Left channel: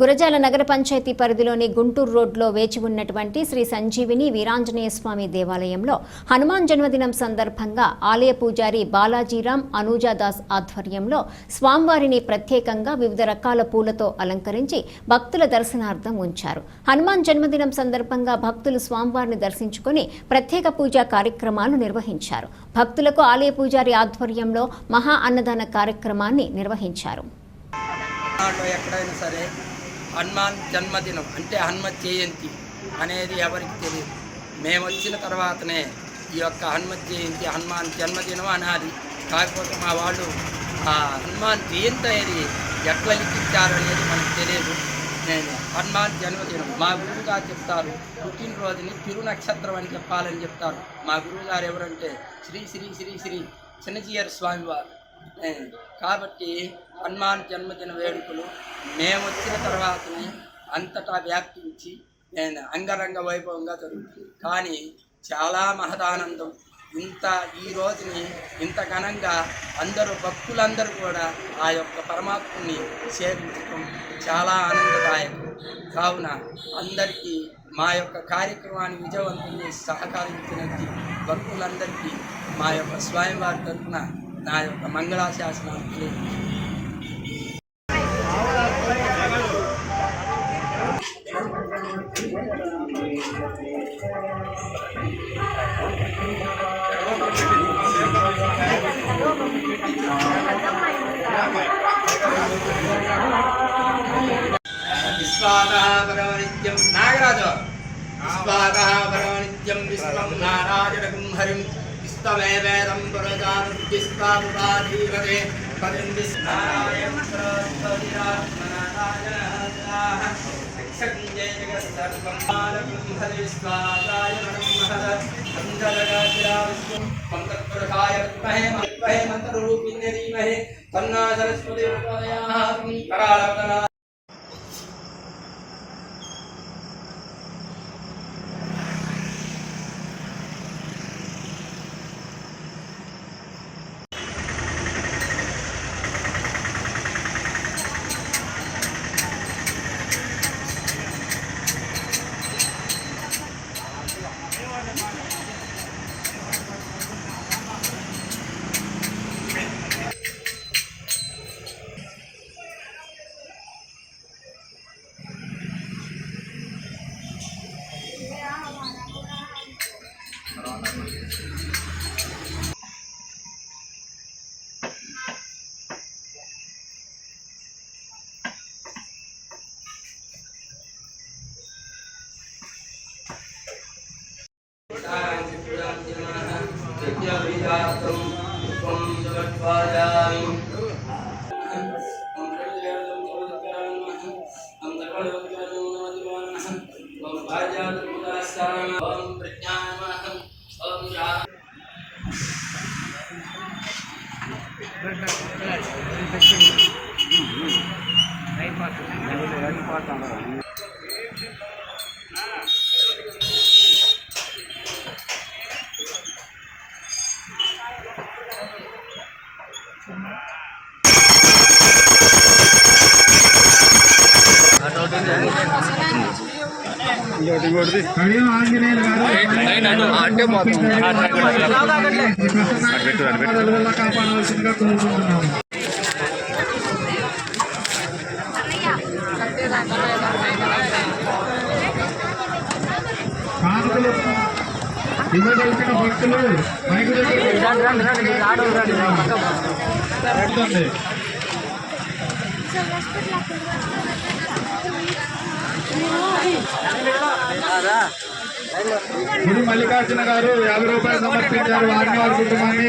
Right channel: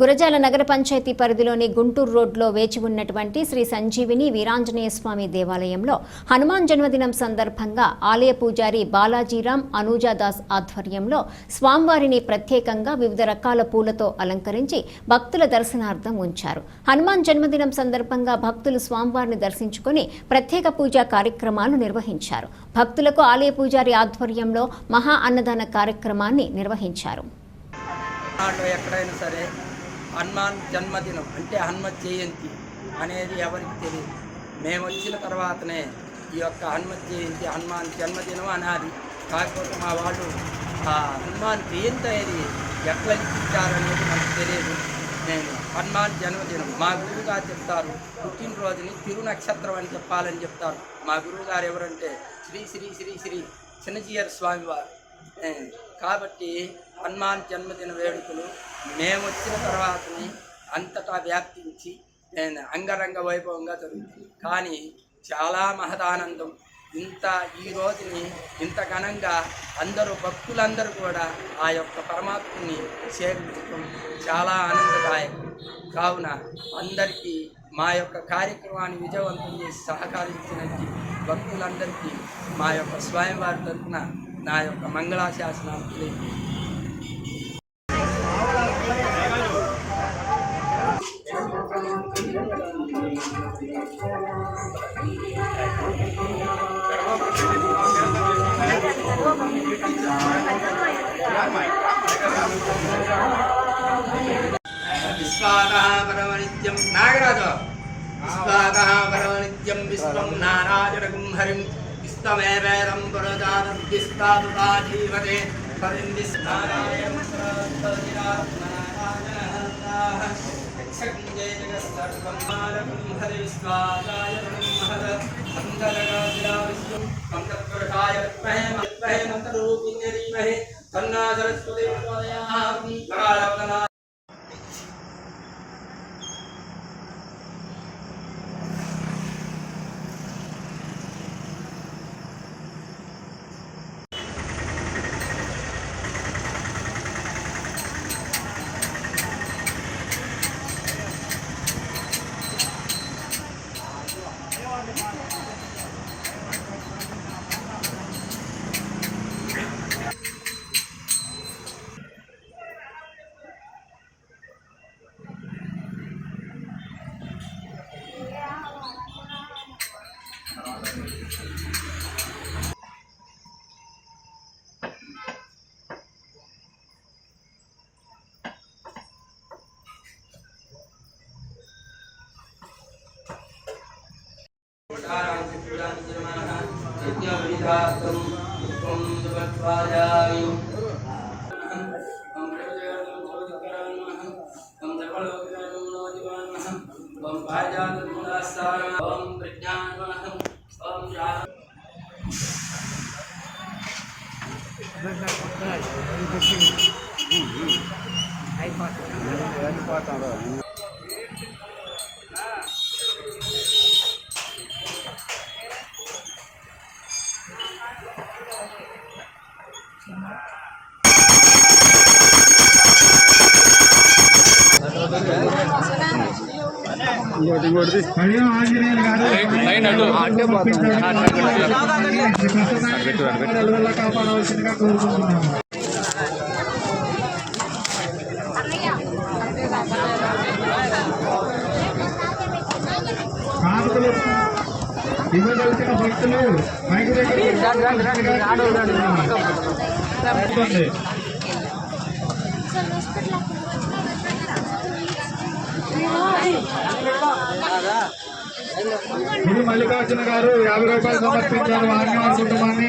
గురజాల నగర పంచాయతీ పరిధిలోని గుంటూరు రోడ్లో వేచి ఉన్నటువంటి శ్రీ సంజీవిని వీరాంజనేయ స్వామి దేవాలయంలో హనుమాన్ జన్మదినం సందర్భంగా ఆలయ పూజారి బాలాజీరామ్ అనూజాదాస్ ఆధ్వర్యంలో స్వామివారిని ప్రత్యేకంగా వివిధ రకాల పూలతో అలంకరించి భక్తుల దర్శనార్థం ఉంచారు. హనుమాన్ జన్మదినం సందర్భంగా భక్తులు స్వామివారిని దర్శించుకొని ప్రత్యేక పూజా కార్యక్రమాలు నిర్వహించారు. భక్తులకు ఆలయ పూజారి ఆధ్వర్యంలో మహా అన్నదాన కార్యక్రమాన్ని నిర్వహించారు. ఎక్కడైనా సరే హనుమాన్ జన్మదినం అంటే హనుమత్ జయంతి అనేది ఎవరికి తెలియదు. మేము వచ్చిన తర్వాతనే ఈ యొక్క హనుమత్ జయంతి హనుమాన్ జన్మదినం అనాలి. కాకపోతే మా వాళ్ళు హనుమాన్ జయంతి అనేది ఎట్లా లిఖించారనేది మనకు తెలియదు. నేను హనుమాన్ జన్మదినం మా గురువుగారు చెప్తారు, పుట్టినరోజుని తిరు నక్షత్రం అని చెప్పాలని చెప్తారు. మా గురువుగారు ఎవరంటే శ్రీ శ్రీ శ్రీ శ్రీ చిన్నజీయర్ స్వామివారు. కాబట్టి హనుమాన్ జన్మదిన వేడుకలు మేము వచ్చిన తర్వాతనే అంతటా వ్యాప్తించి అంగరంగ వైభవంగా జరుగుతుంది. కానీ చాలా మహదానందం. ఈ రోజుని ఇంత ఘనంగా అందరూ భక్తులందరూ కూడా ఆ యొక్క పరమాత్ముని సేవించడం చాలా ఆనందదాయకం. కావున అందరికీ మా యొక్క కార్యక్రమాన్ని విజయవంతం చేసి సహకరించినది భక్తులందరికీ మా యొక్క స్వామివారి తరఫున నా యొక్క మంగళాశాసనాలు తెలియదు. విశ్వాదః పరమనిత్యం నాగరాజు విశ్వాదః పరమనిత్యం విశ్వం నారాయణకం హరిం విశ్వమేవేదం పురజాతం విశ్వాదుపాధీవతే పదిం విశ్వనారాయణ కాపాడవలసిందిగా కోరుకుంటున్నాము. కానుకలు ఇవ్వగలిగిన భక్తులు మైకు ఇది మల్లికార్జున గారు 50 రూపాయలు సమర్పించారు. వారిని వారి కుటుంబాన్ని